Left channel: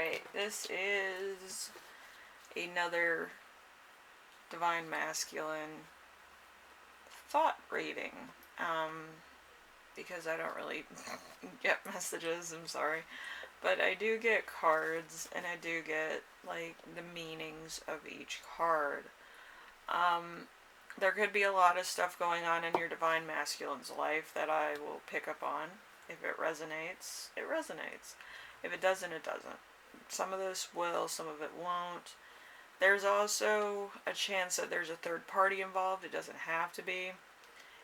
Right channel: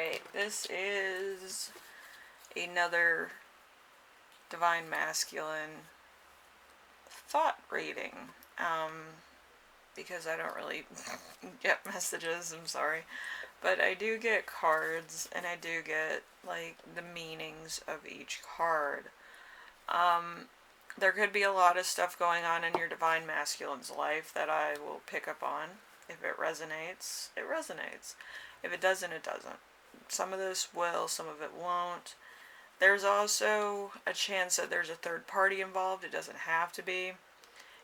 Alright, this is another Divine Masculine thought reading. Because I don't really get messages, I'm sorry. But I do get cards, and I do get, like, the meanings of each card. There could be a lot of stuff going on in your Divine Masculine's life that I will pick up on. If it resonates, it resonates. If it doesn't, it doesn't. Some of this will, some of it won't. There's also a chance that there's a third party involved. It doesn't have to be.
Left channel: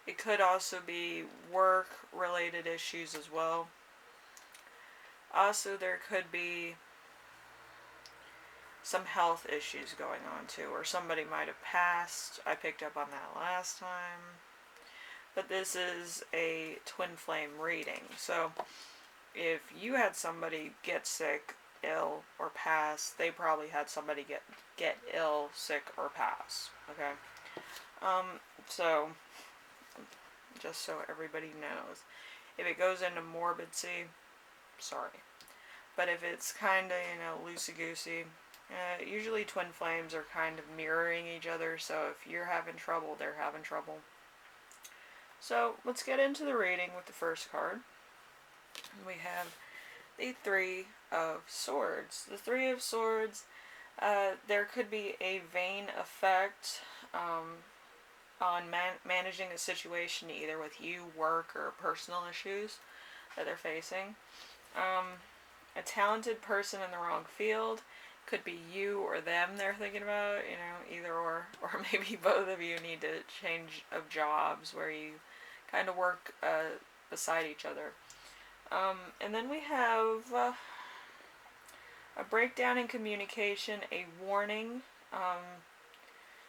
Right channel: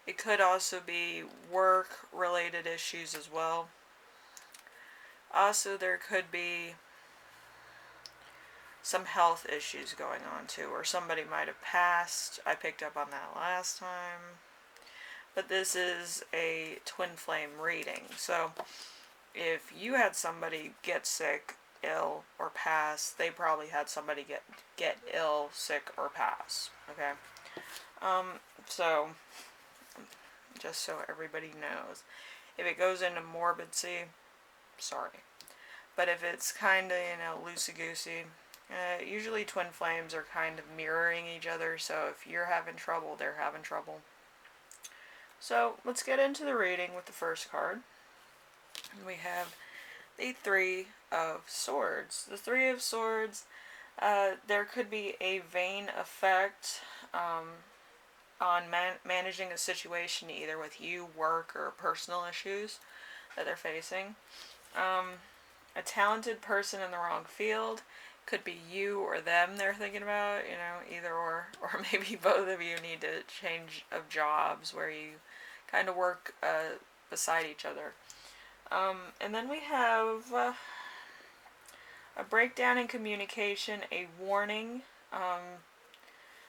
It could also be work related issues as well. Also, there could be some health issues going on too, or somebody might have passed. I picked up on that last time. But this is a twin flame reading. So if you had somebody get sick, ill, or pass, they probably had somebody get ill, sick, or pass. Okay? So just so everybody knows. If it goes into morbidsy, sorry. But if it's kind of, loosey-goosey, usually twin flames are kind of mirroring each other, so if you're having trouble, they're having trouble. So let's get into the reading with the first card. We have the Three of Swords. The Three of Swords, there could be a vain effect on managing a situation, either with you, work, or personal issues that they're facing. A talented person in the wrong field. Could be you or them they're thinking about, either or. Or maybe both of you need to change of jobs where you kind of work beside each other. And then we have a breakdown in communication, a warning,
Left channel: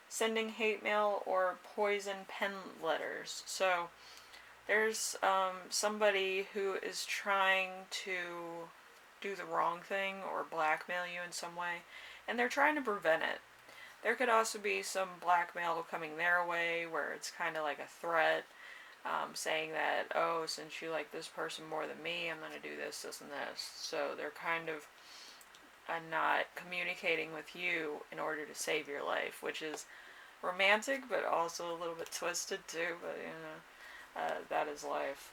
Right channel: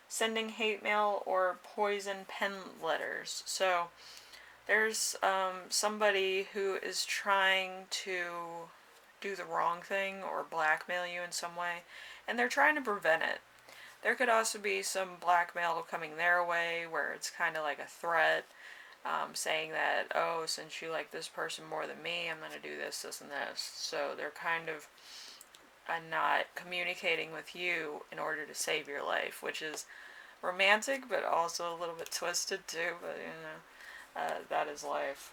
sending hate mail or poison pen letters. So there's somebody who is trying to do the wrong thing or blackmail you in some way, and they're trying to prevent it. There could also be some blackmail coming their way where it's kind of like a threat, saying that, oh, since you like this person more than me, I'm going to do this, this, and this. So they're kind of not communicating with you in order to save your life, which is romantic, but also a little bit twisted too, but that is life.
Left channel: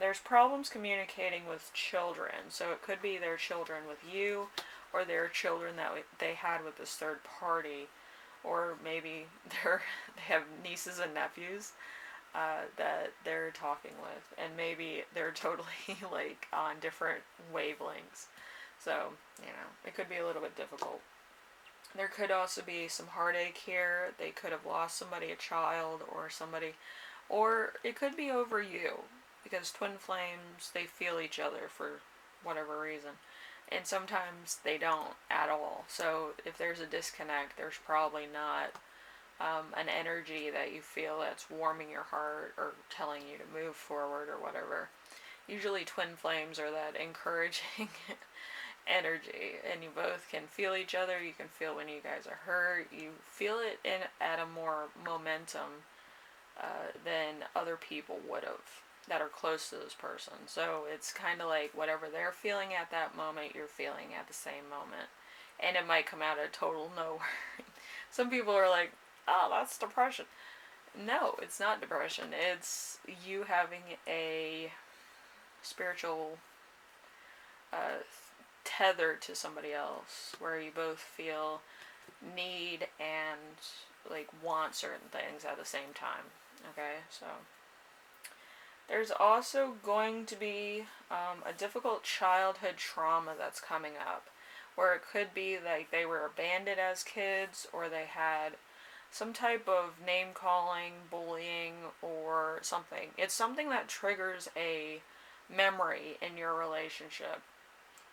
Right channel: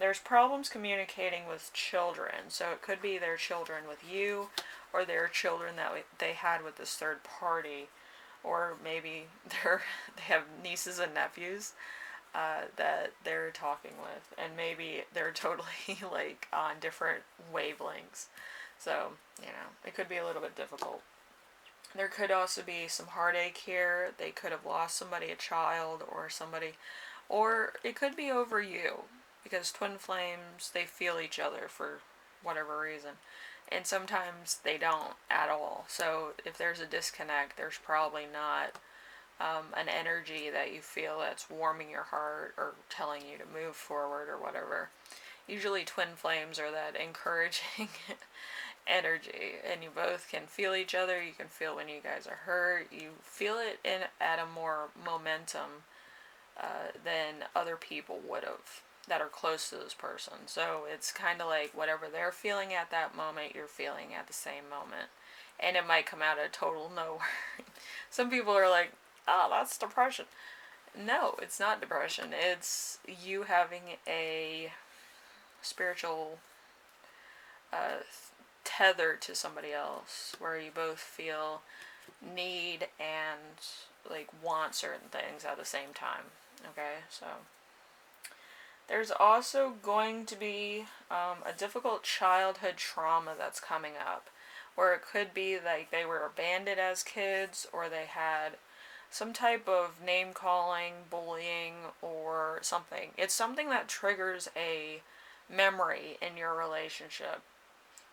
There's problems communicating with children, so it could be their children with you, or their children that they had with this third party, or maybe they have nieces and nephews that they're talking with, and maybe they're totally like on different wavelengths. So, it could be a little bit difficult. There could also be some heartache here. They could have lost somebody, a child, or somebody, or it could be over you, because twin flames, they feel each other for whatever reason, and sometimes they don't at all. So if there's a disconnect, there's probably not an energy that you feel that's warming your heart or telling you to move forward or whatever. Usually twin flames are that encouraging energy, and you both can feel each other. You can feel when you guys are hurt. You feel it at a more momentum than other people would have that are close to this person. So it's kind of like whatever they're feeling at that moment, you're feeling at the same moment. And it might come out of total nowhere. Some people are like, oh, that's depression. No, it's not depression. It's you having a spiritual tether to somebody else, where you both feel need and like want certain things at the same time. Okay, so there's also going to be a difficult childhood trauma that's coming up, where it could be like they were abandoned as kids, or they had some type of name calling, bullying, or something. It's something that triggers a memory in your relationship.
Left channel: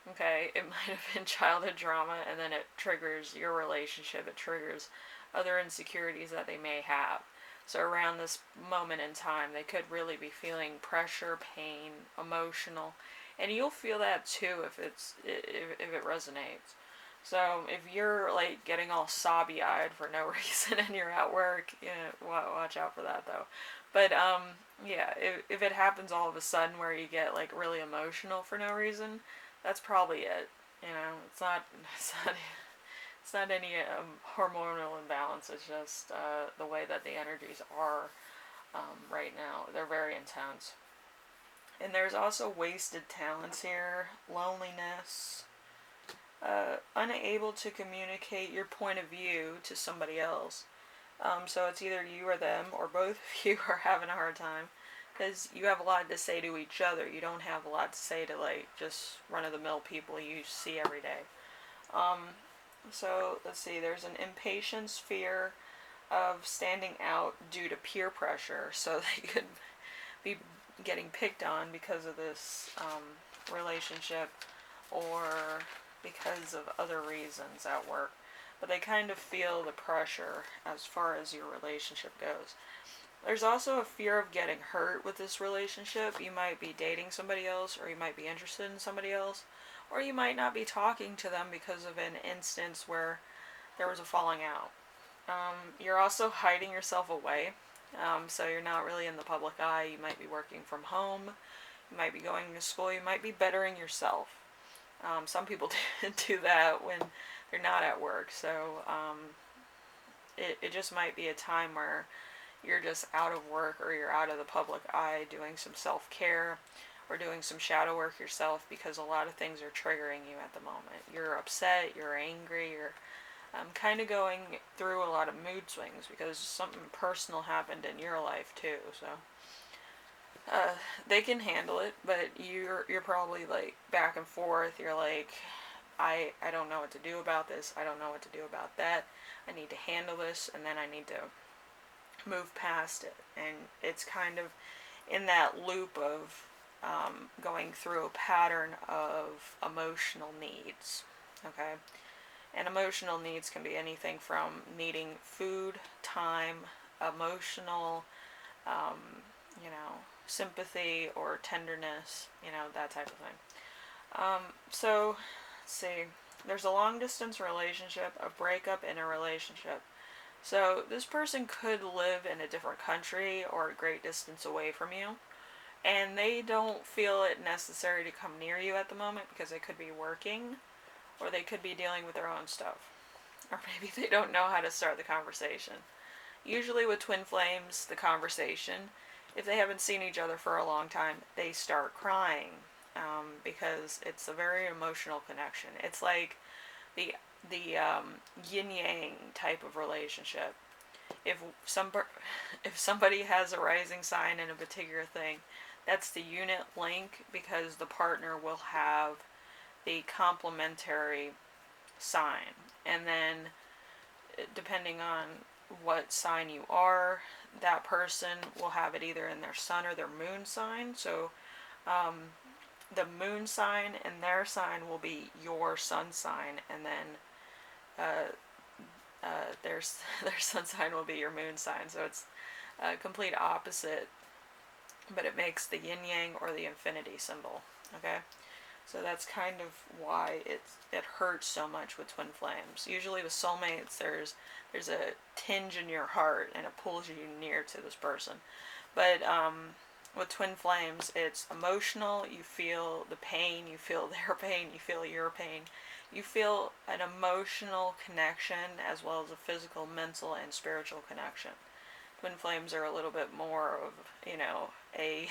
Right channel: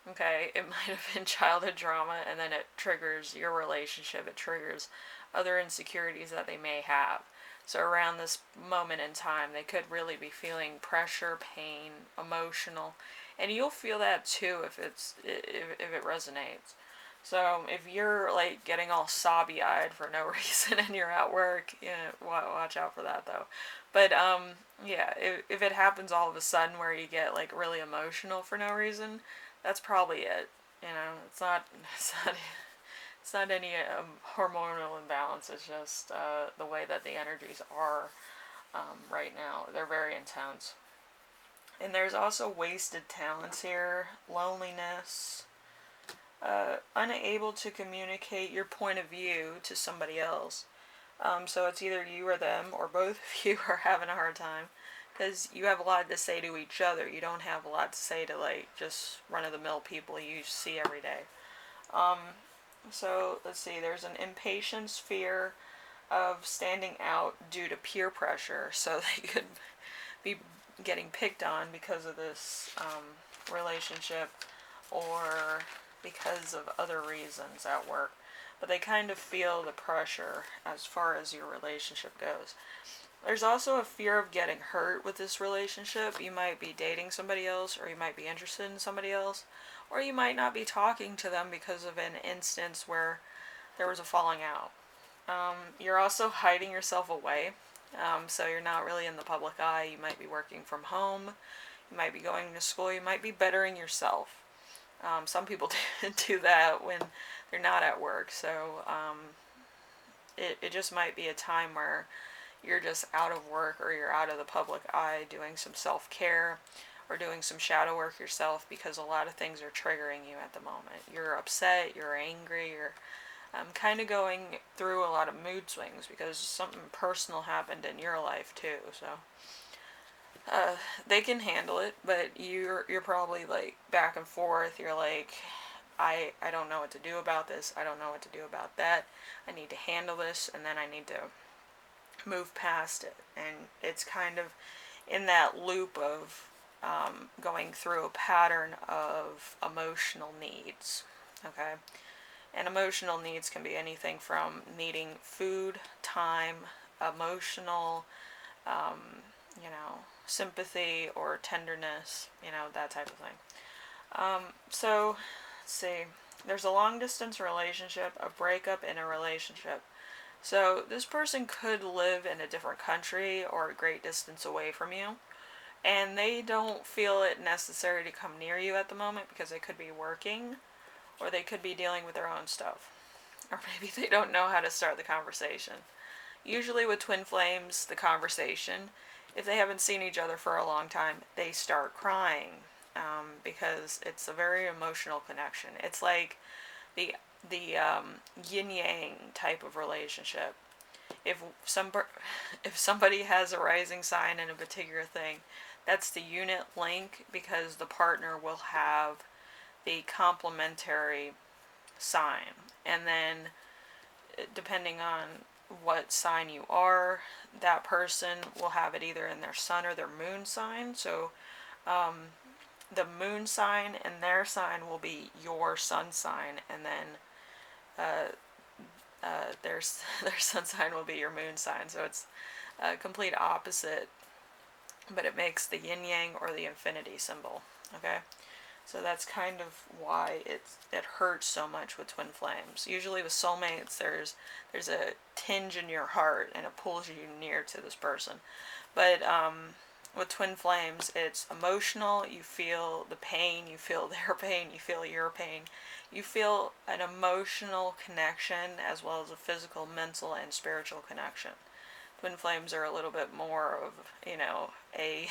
Okay, it might have been childhood trauma, and then it triggers your relationship. It triggers other insecurities that they may have. So around this moment in time, they could really be feeling pressure, pain, emotional, and you'll feel that too if it resonates. So if you're like getting all sobby-eyed for no reason and you're at work, watch out for that though. But yeah, if it happens all of a sudden where you get like really emotional for no reason, that's probably it. It's not it's not any hormonal imbalance. It's just the way that the energies are right now. They're very intense. And there's also wasted talents here, loneliness, unable to communicate your point of view to somebody else. So it's either you or them, or both of you are having a hard time because you have a lot to say to each other. You don't have a lot to say to like just run of the mill people you see every day. Um, so let's see. There's an impatience, fear of standing out due to peer pressure. So they could be getting picked on because of this relationship, or because of other reasons at work. But they kind of feel the pressure as far as your relationship goes. There's also a fear of getting hurt with this relationship. You might be dating somebody else, or you might be interested in somebody else, or you might not be talking to them because of an instance where there was a falling out. You're also hiding yourself away, so you're not really in the public eye. You might be working from home, you might be going to school, you might be bettering yourself. Some people do that when they're not at work, so it just might be a time where you're just out of work, or you're out of the public eye doing some self-care or doing some shadow work yourself, because a lot of things are triggering you at the moment. You're upset, you're angry, you're kind of going through a lot of mood swings because something personal happened in your life too. So they can handle it, but you're probably like back and forth. You're like, I don't know what to do about this. I don't know what to do about that. I need to handle this, and then I need to move past it. And it's kind of in that loop of going through a pattern of emotional needs. Okay? And emotional needs can be anything from needing food, time, emotional, um, sympathy or tenderness, that type of thing. So, let's see. There's a long distance relationship, a breakup in a relationship. So, this person could live in a different country or a great distance away from you, and they don't feel it necessary to come near you at the moment because they could be working, or they could be dealing with their own stuff. Or maybe they don't know how to start the conversation. Usually with twin flames, the conversation, if they haven't seen each other for a long time, they start crying, because it's a very emotional connection. It's like the yin yang type of relationship. If some if somebody has a rising sign in a particular thing, that's the unit link, because the partner will have the complementary sign. And then, depending on what sign you are, that person will have it either in their sun or their moon sign. So the moon sign and their sign will be your sun sign, and then their sun sign will be your moon sign. So it's a complete opposite, but it makes the yin yang or the infinity symbol. Okay, so that's kind of why it hurts so much with twin flames. Usually with soulmates, there's a tinge in your heart and it pulls you near to this person. But with twin flames, it's emotional. You feel the pain, you feel their pain, you feel your pain. You feel an emotional connection as well as a physical, mental, and spiritual connection. Twin flames are a little bit more of, a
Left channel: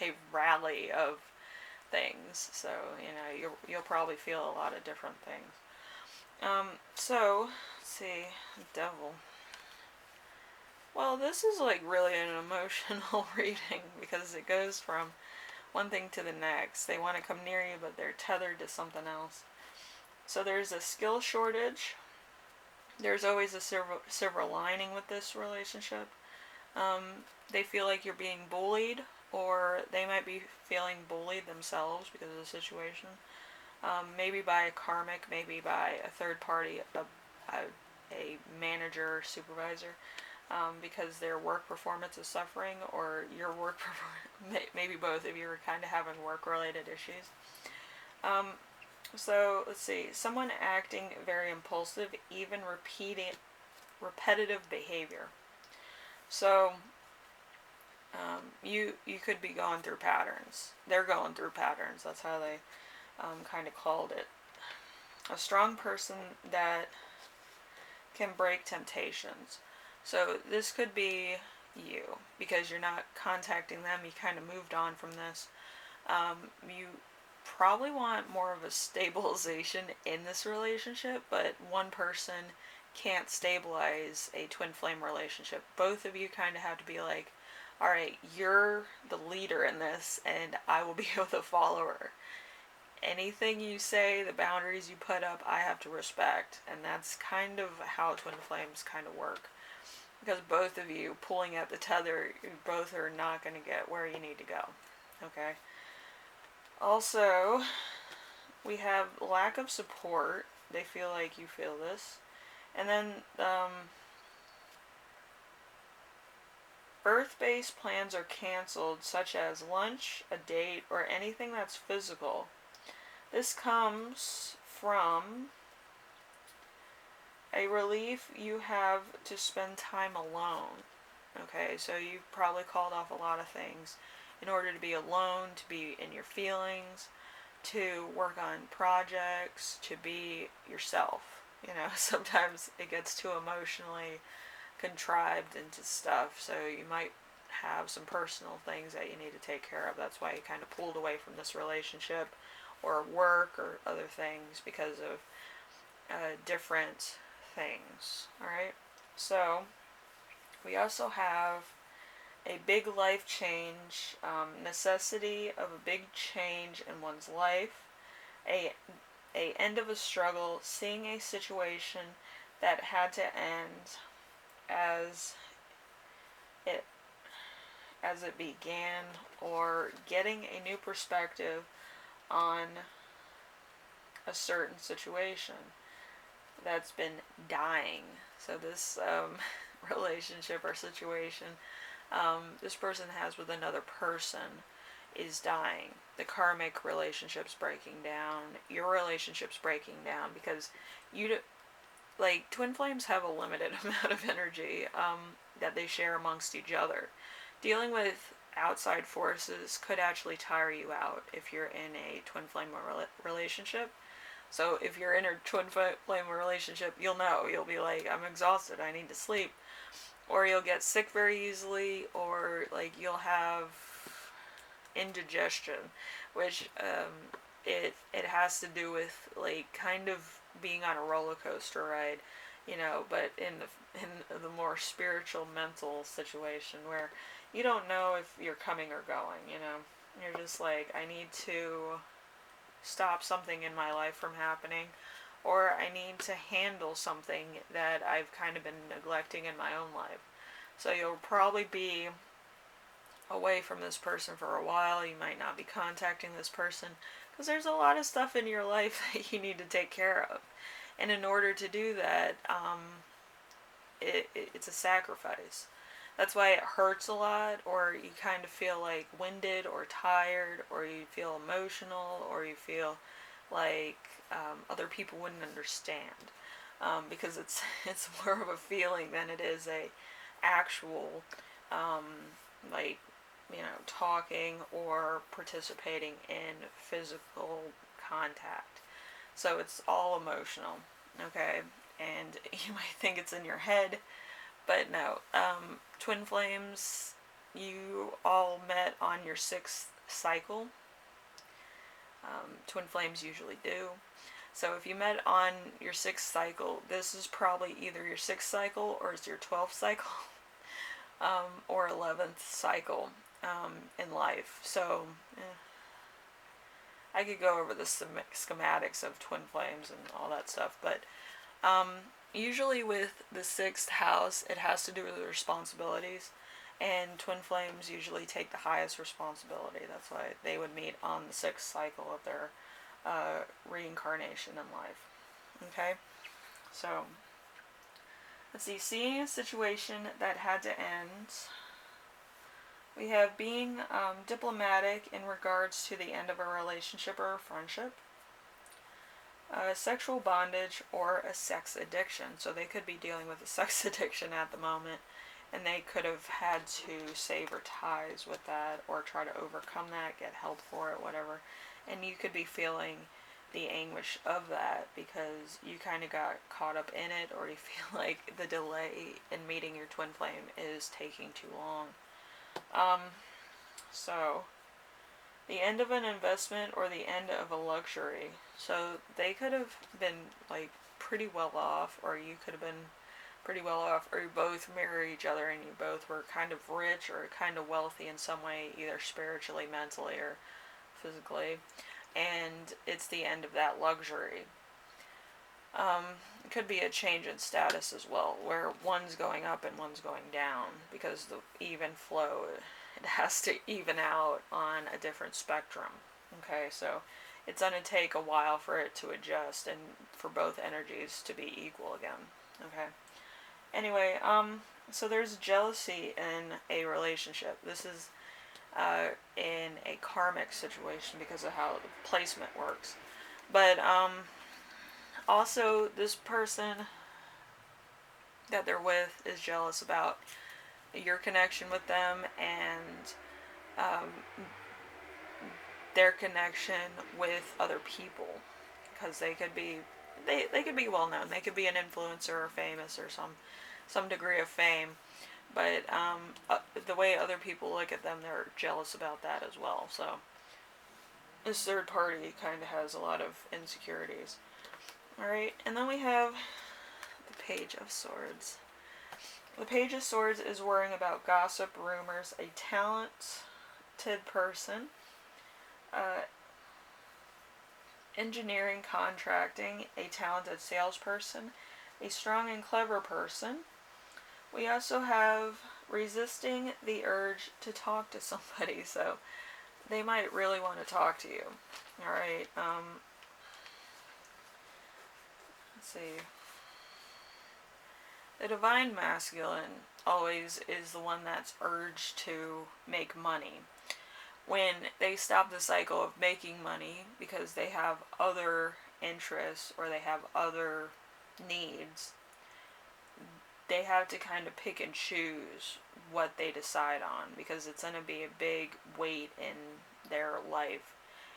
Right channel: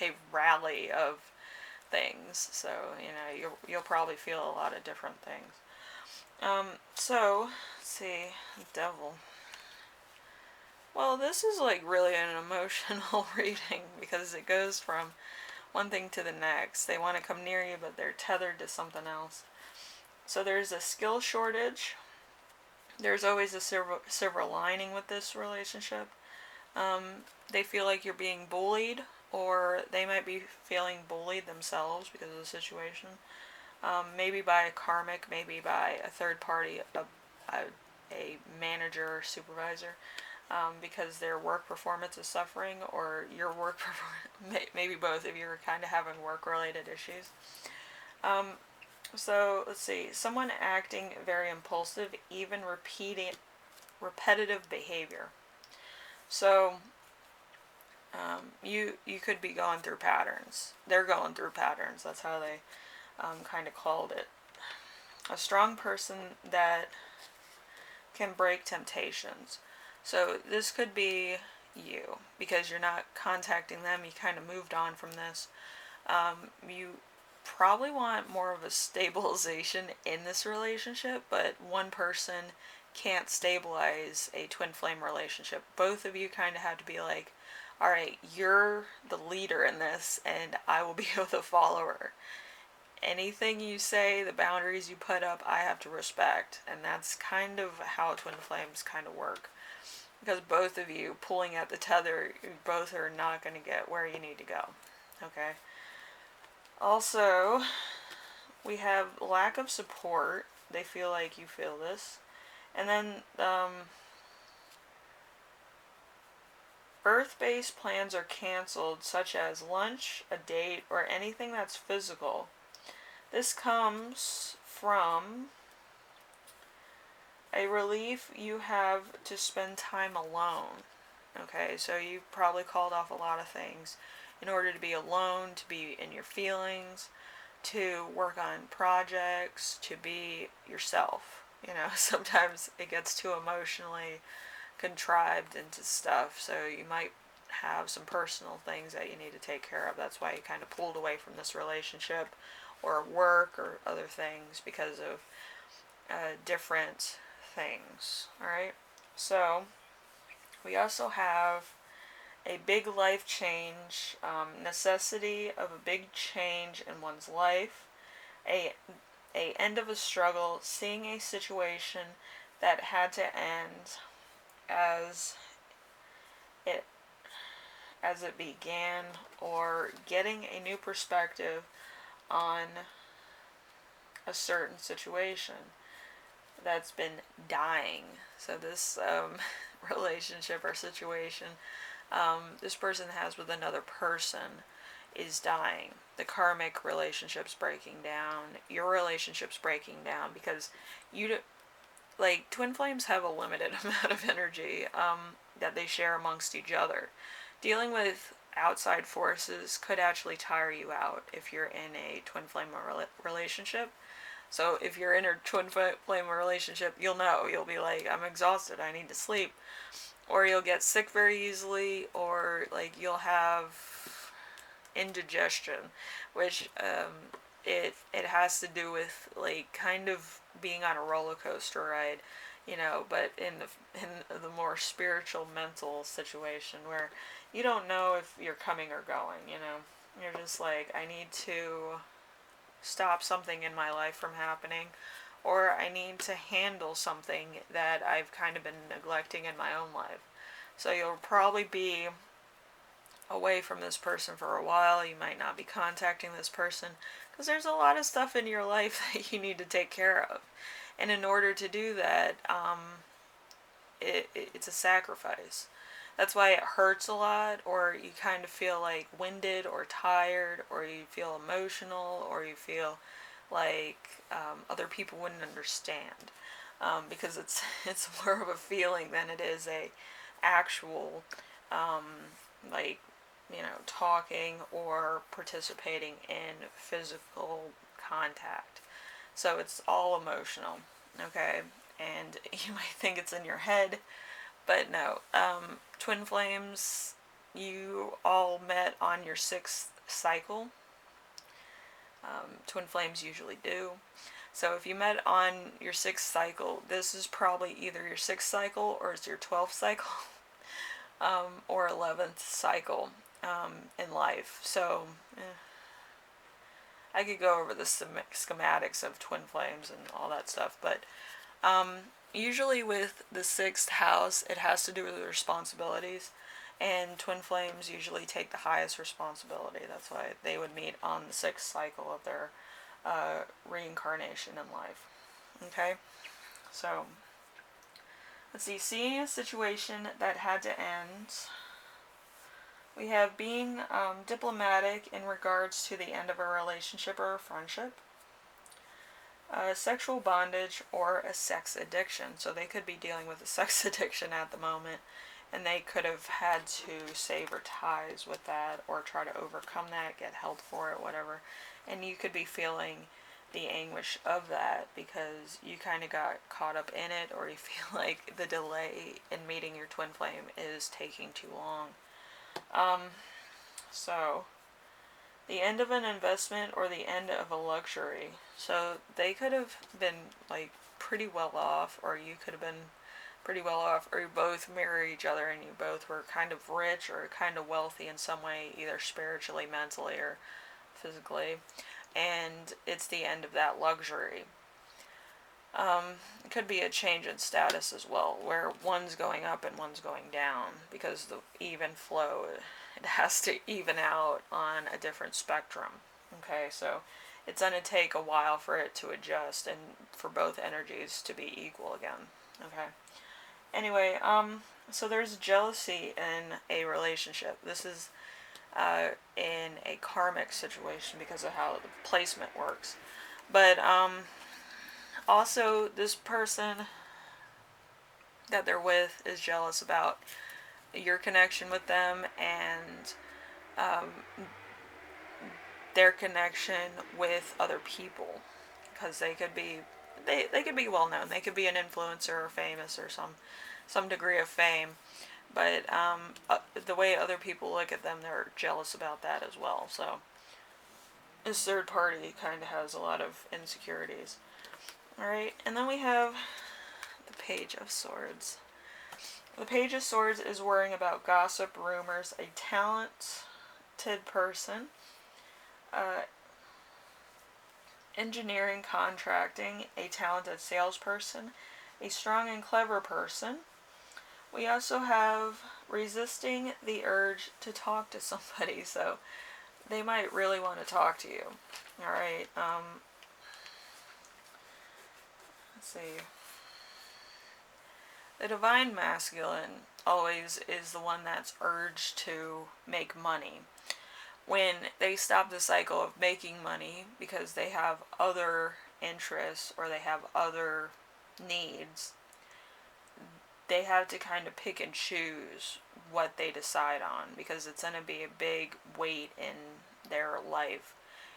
a rally of things. So, you'll probably feel a lot of different things. So, let's see, devil. Well, this is like really an emotional reading because it goes from one thing to the next. They want to come near you, but they're tethered to something else. So there's a skill shortage. There's always a silver lining with this relationship. They feel like you're being bullied, or they might be feeling bullied themselves because of the situation. Maybe by a karmic, maybe by a third party, a manager or supervisor, because their work performance is suffering, or your work performance, maybe both of you are kind of having work-related issues. So let's see, someone acting very impulsive, even repetitive behavior. So you could be going through patterns. They're going through patterns. That's how they kind of called it. a strong person that can break temptations. So this could be you, because you're not contacting them, you kind of moved on from this. You probably want more of a stabilization in this relationship, but one person can't stabilize a twin flame relationship. Both of you kind of have to be like, alright, you're the leader in this, and I will be the follower. Anything you say, the boundaries you put up, I have to respect. And that's kind of how twin flames kind of work. Because both of you pulling at the tether, you both are not going to get where you need to go. Okay? Also, we have lack of support. They feel like you feel this. And then, earth-based plans are canceled, such as lunch, a date, or anything that's physical. This comes from a relief you have to spend time alone. Okay, so you probably called off a lot of things in order to be alone, to be in your feelings, to work on projects, to be yourself. You know, sometimes it gets too emotionally contrived into stuff, so you might have some personal things that you need to take care of. That's why you kind of pulled away from this relationship or work or other things, because of different things. Alright, so we also have a big life change, necessity of a big change in one's life, a end of a struggle, seeing a situation that had to end as it began, or getting a new perspective on a certain situation that's been dying. So this relationship or situation this person has with another person is dying. The karmic relationship's breaking down. Your relationship's breaking down, because like, twin flames have a limited amount of energy that they share amongst each other. Dealing with outside forces could actually tire you out if you're in a twin flame relationship. So if you're in a twin flame relationship, you'll know. You'll be like, I'm exhausted, I need to sleep. Or you'll get sick very easily, or like you'll have indigestion, which it has to do with like kind of being on a roller coaster ride, you know, but in the more spiritual, mental situation where you don't know if you're coming or going, you know. You're just like, I need to stop something in my life from happening, or I need to handle something that I've kind of been neglecting in my own life. So you'll probably be away from this person for a while. You might not be contacting this person, because there's a lot of stuff in your life that you need to take care of. And in order to do that, it's a sacrifice. That's why it hurts a lot, or you kind of feel like winded or tired, or you feel emotional, or you feel like other people wouldn't understand, because it's more of a feeling than it is a actual like, you know, talking or participating in physical contact. So it's all emotional, okay? And you might think it's in your head, but no. Twin flames, you all met on your 6th cycle. Twin flames usually do. So if you met on your 6th cycle, this is probably either your 6th cycle or it's your 12th cycle, or 11th cycle in life. So I could go over the schematics of twin flames and all that stuff, but usually with the 6th house, it has to do with responsibilities, and twin flames usually take the highest responsibility. That's why they would meet on the 6th cycle of their reincarnation in life. Okay, so let's see. Seeing a situation that had to end. We have being diplomatic in regards to the end of a relationship or a friendship. Sexual bondage or a sex addiction. So they could be dealing with a sex addiction at the moment, and they could have had to sever ties with that, or try to overcome that, get help for it, whatever. And you could be feeling the anguish of that because you kind of got caught up in it, or you feel like the delay in meeting your twin flame is taking too long. So, the end of an investment or the end of a luxury. So, they could have been like pretty well off, or you could have been pretty well off, or you both marry each other and you both were kind of rich or kind of wealthy in some way, either spiritually, mentally, or physically, and it's the end of that luxury. It could be a change in status as well, where one's going up and one's going down, because the even flow, it has to even out on a different spectrum. Okay, so it's going to take a while for it to adjust and for both energies to be equal again. Okay. Anyway, so there's jealousy in a relationship. This is in a karmic situation because of how the placement works. But also, this person that they're with is jealous about your connection with them and um, their connection with other people, because they could be they could be well known. They could be an influencer or famous or some degree of fame, but the way other people look at them, they're jealous about that as well. So this third party kind of has a lot of insecurities. Alright, and then we have the Page of Swords. The Page of Swords is worrying about gossip, rumors, a talented person, engineering, contracting, a talented salesperson, a strong and clever person. We also have resisting the urge to talk to somebody, so they might really want to talk to you. Alright, let's see. The Divine Masculine always is the one that's urged to make money. When they stop the cycle of making money because they have other interests or they have other needs, they have to kind of pick and choose what they decide on, because it's going to be a big weight in their life.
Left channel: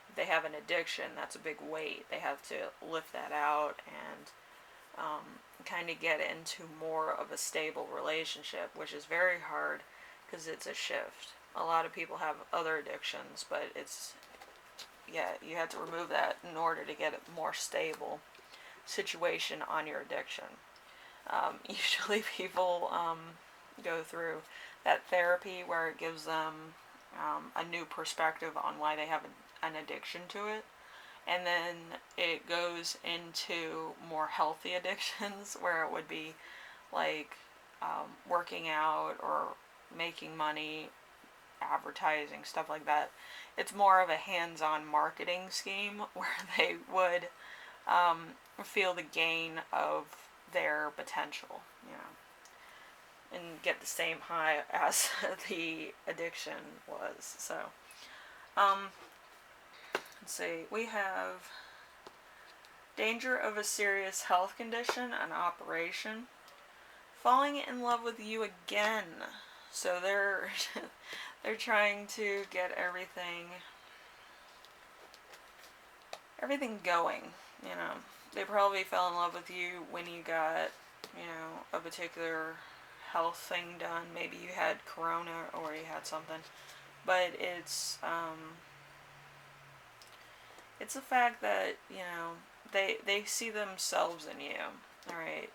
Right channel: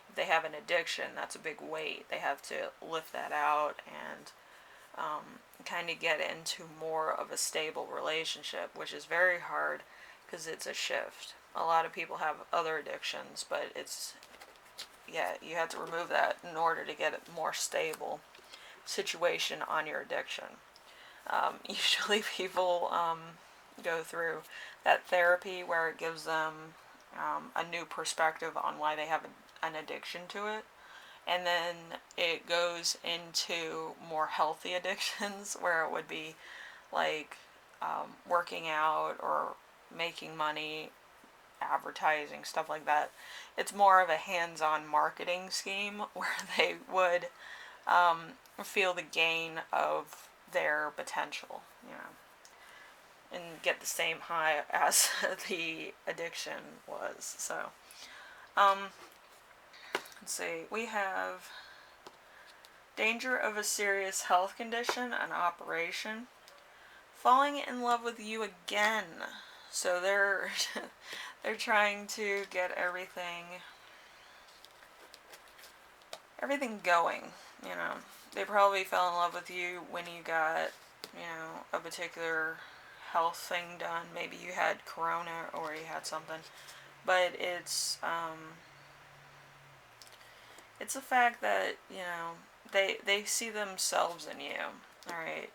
If they have an addiction, that's a big weight. They have to lift that out and kind of get into more of a stable relationship, which is very hard because it's a shift. A lot of people have other addictions, but you have to remove that in order to get a more stable situation on your addiction. Usually people go through that therapy where it gives them a new perspective on why they have an addiction to it. And then it goes into more healthy addictions where it would be like working out or making money, advertising, stuff like that. It's more of a hands-on marketing scheme where they would feel the gain of their potential, and get the same high as the addiction was. So, let's see, we have danger of a serious health condition, an operation, falling in love with you again. So they're trying to get everything going. They probably fell in love with you when you got a particular health thing done. Maybe you had corona or you had something, but it's a fact that they see themselves in you. All right,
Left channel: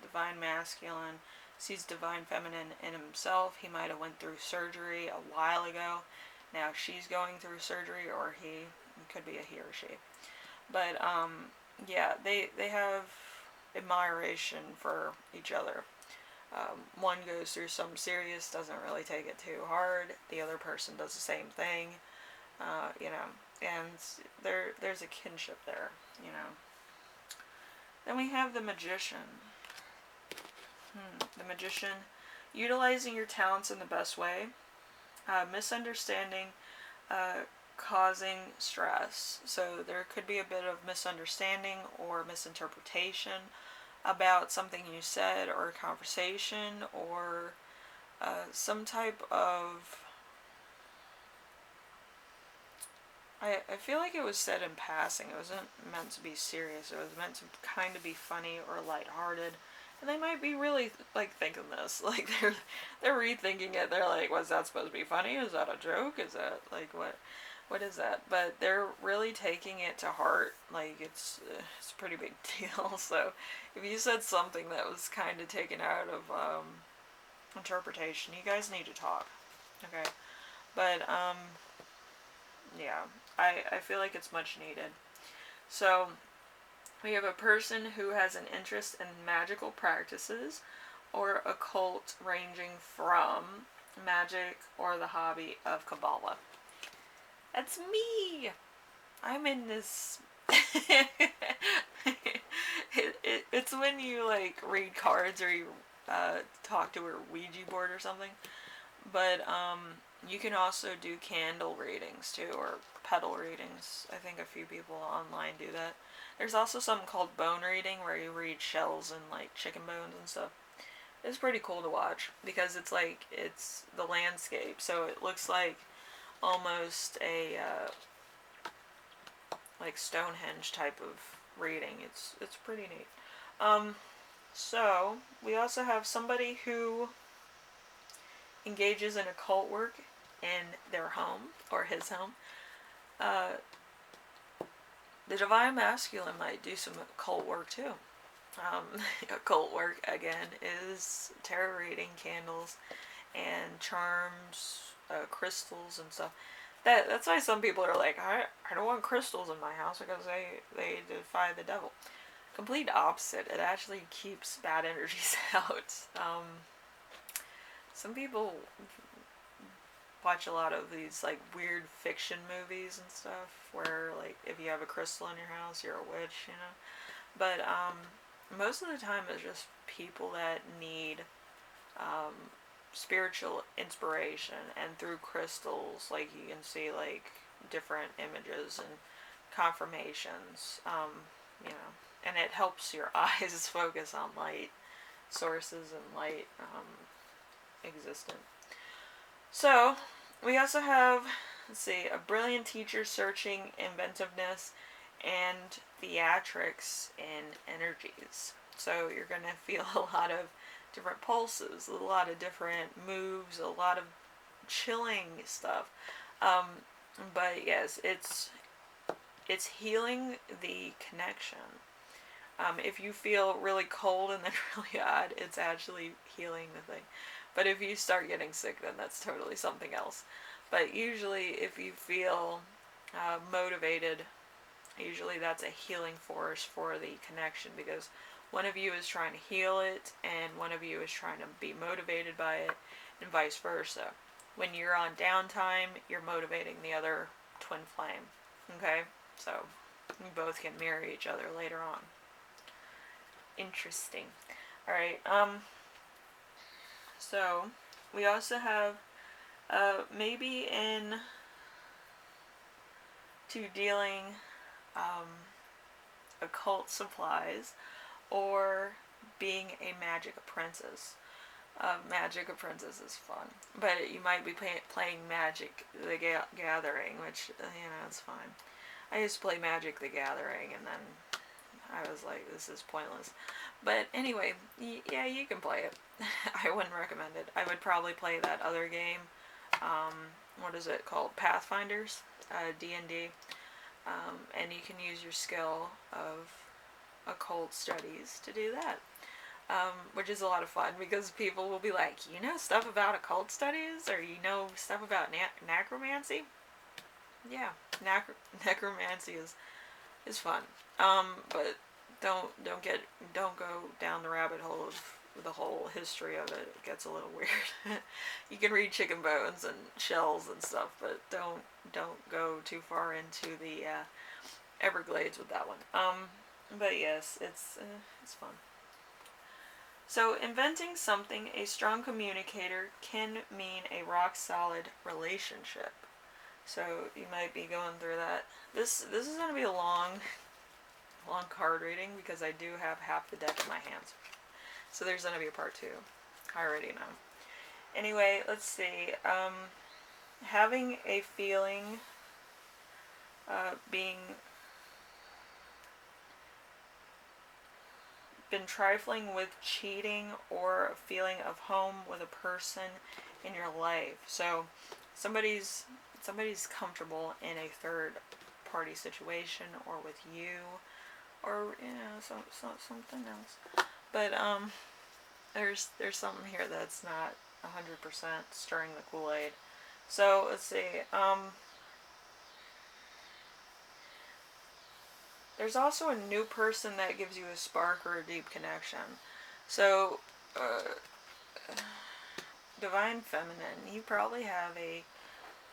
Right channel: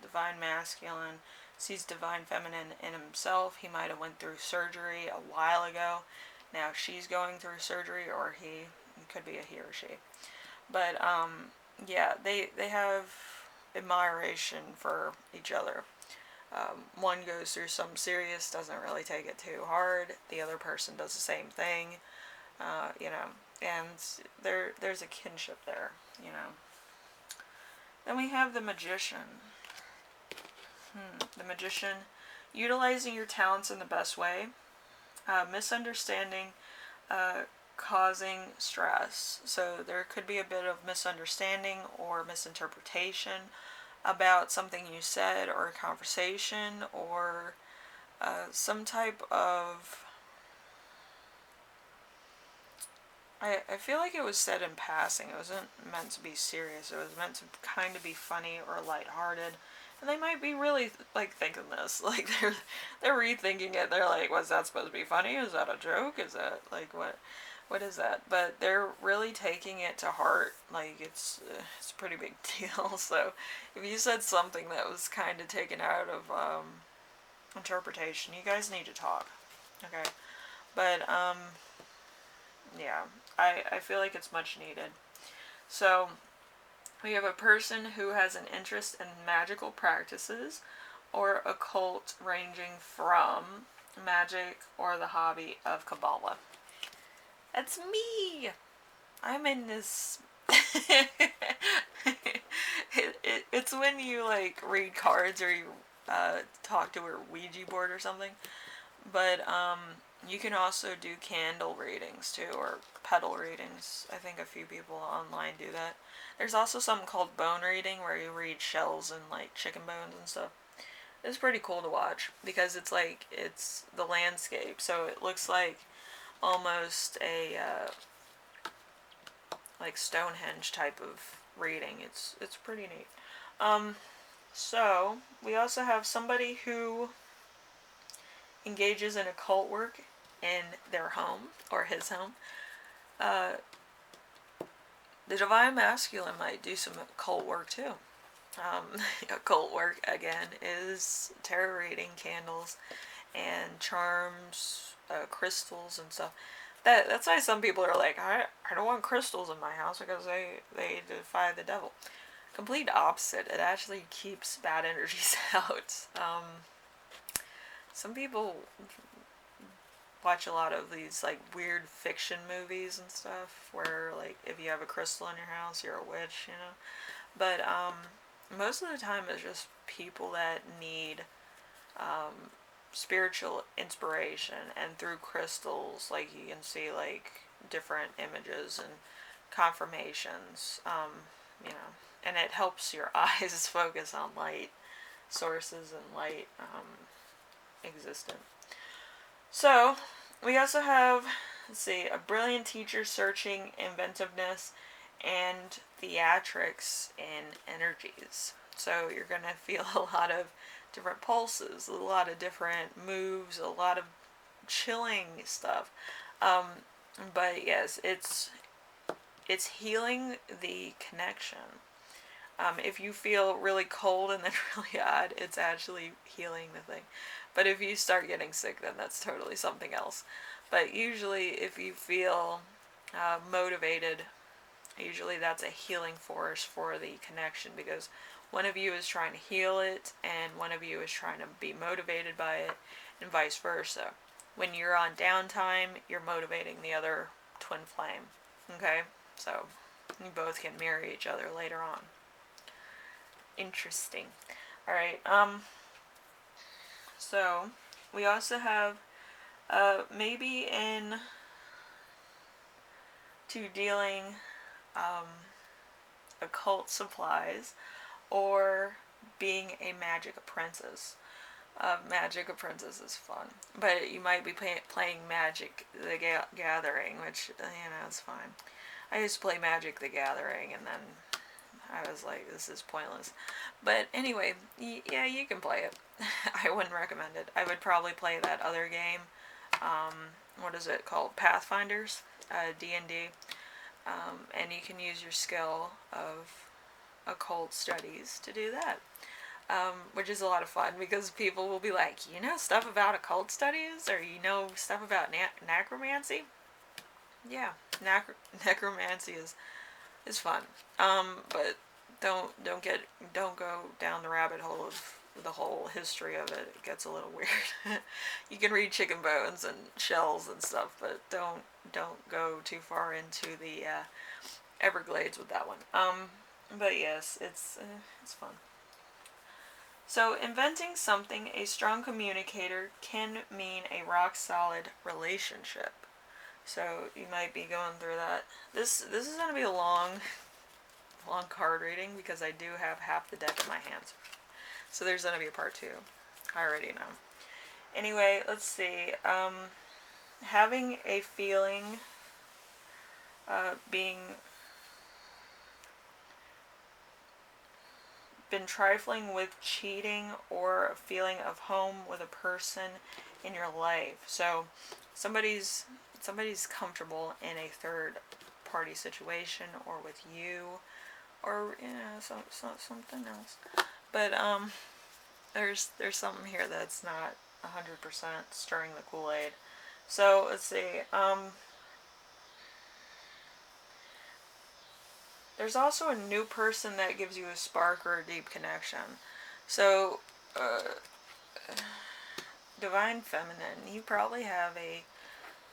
Divine Masculine sees Divine Feminine in himself. He might have went through surgery a while ago. Now she's going through surgery, or he. It could be a he or she. But they have admiration for each other. One goes through something serious, doesn't really take it too hard. The other person does the same thing, and there's a kinship there, Then we have the Magician. The Magician, utilizing your talents in the best way, misunderstanding, causing stress. So there could be a bit of misunderstanding or misinterpretation about something you said or a conversation, or some type of I feel like it was said in passing. It wasn't meant to be serious. It was meant to kind of be funny or lighthearted. And they might be really like thinking this, like they're rethinking it. They're like, "Was that supposed to be funny? Is that a joke? Is that like what is that?" But they're really taking it to heart. Like it's a pretty big deal. So if you said something that was kind of taken out of interpretation, you guys need to talk. Okay, but yeah, I feel like it's much needed. So we have a person who has an interest in magical practices or occult, ranging from magic or the hobby of Kabbalah. That's me! I'm in this. It's when you like read cards or you talk to a Ouija board or something. But you can also do candle readings too, or petal readings. I think a few people online do that. There's also something called bone reading where you read shells and like chicken bones and stuff. It's pretty cool to watch because it's like it's the landscape, so it looks like almost a like Stonehenge type of reading. It's pretty neat. So we also have somebody who engages in occult work in their home or his home. The divine masculine might do some occult work too. Occult work again is tarot reading, candles, and charms, crystals and stuff. That's why some people are like, I don't want crystals in my house because they defy the devil. Complete opposite. It actually keeps bad energies out. Some people watch a lot of these like weird fiction movies and stuff where like if you have a crystal in your house you're a witch, you know. But most of the time it's just people that need spiritual inspiration, and through crystals like you can see like different images and confirmations, you know, and it helps your eyes focus on light sources and light existence. So, we also have, let's see, a brilliant teacher searching inventiveness and theatrics in energies. So, you're going to feel a lot of different pulses, a lot of different moves, a lot of chilling stuff. But yes, it's healing the connection. If you feel really cold and then really odd, it's actually healing the thing. But if you start getting sick, then that's totally something else. But usually, if you feel motivated, usually that's a healing force for the connection, because one of you is trying to heal it and one of you is trying to be motivated by it, and vice versa. When you're on downtime, you're motivating the other twin flame. Okay? So, you both can mirror each other later on. Interesting. Alright, so we also have maybe in to dealing occult supplies or being a magic apprentice. Magic apprentice is fun, but you might be playing Magic the Gathering, which you know is fine. I used to play Magic the Gathering, and then I was like, this is pointless. But anyway, yeah, you can play it. I wouldn't recommend it. I would probably play that other game. What is it called? Pathfinders, D&D. And you can use your skill of occult studies to do that. Which is a lot of fun because people will be like, you know stuff about occult studies, or you know stuff about necromancy? Yeah, necromancy is fun. But don't go down the rabbit hole of the whole history of it. It gets a little weird. You can read chicken bones and shells and stuff, but don't go too far into the Everglades with that one. But yes, it's fun. So, inventing something a strong communicator can mean a rock solid relationship. So you might be going through that. This is going to be a long card reading because I do have half the deck in my hands. So there's going to be a part 2. I already know. Anyway, let's see. Having a feeling been trifling with cheating or a feeling of home with a person in your life. So somebody's comfortable in a third party situation or with you, or something else. But there's something here that's not 100% stirring the Kool-Aid. So let's see. There's also a new person that gives you a spark or a deep connection. So, Divine Feminine, you probably have a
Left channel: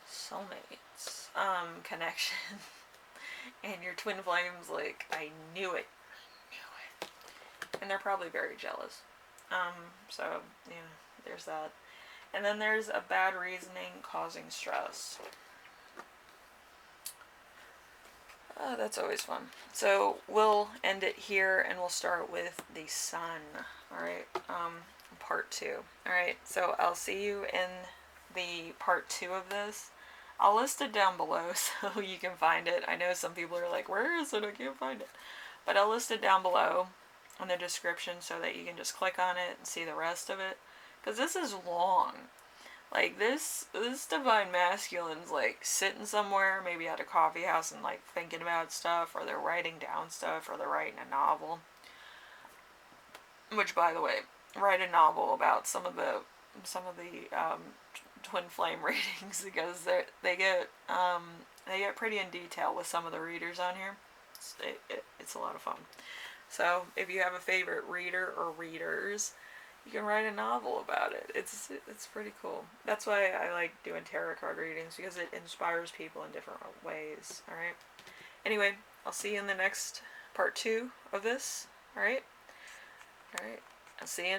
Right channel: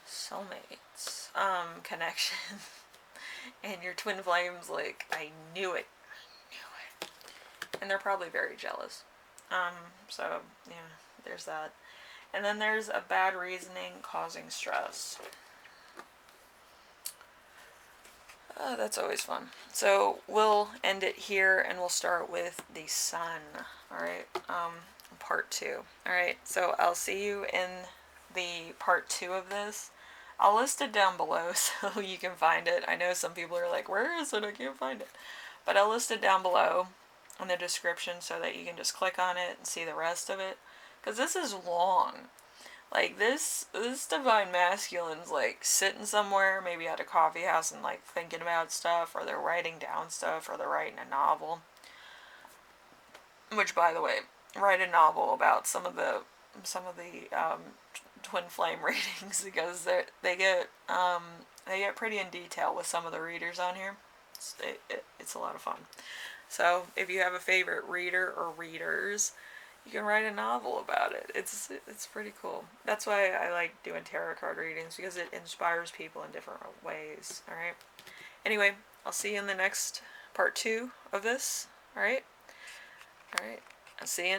soulmates connection. And your twin flames, like, I knew it. And they're probably very jealous. So, yeah, there's that. And then there's a bad reasoning causing stress. That's always fun. So we'll end it here and we'll start with the sun. Alright, part 2. Alright, so I'll see you in the part 2 of this. I'll list it down below so you can find it. I know some people are like, where is it? I can't find it. But I'll list it down below in the description so that you can just click on it and see the rest of it. Because this is long. Like, this Divine Masculine's, like, sitting somewhere, maybe at a coffee house and, like, thinking about stuff, or they're writing down stuff, or they're writing a novel. Which, by the way, write a novel about some of the twin flame readings, because they get pretty in detail with some of the readers on here. It's a lot of fun. So, if you have a favorite reader or readers, you can write a novel about it. It's pretty cool. That's why I like doing tarot card readings, because it inspires people in different ways. Alright? Anyway, I'll see you in the next part 2 of this. Alright? Alright. I'll see you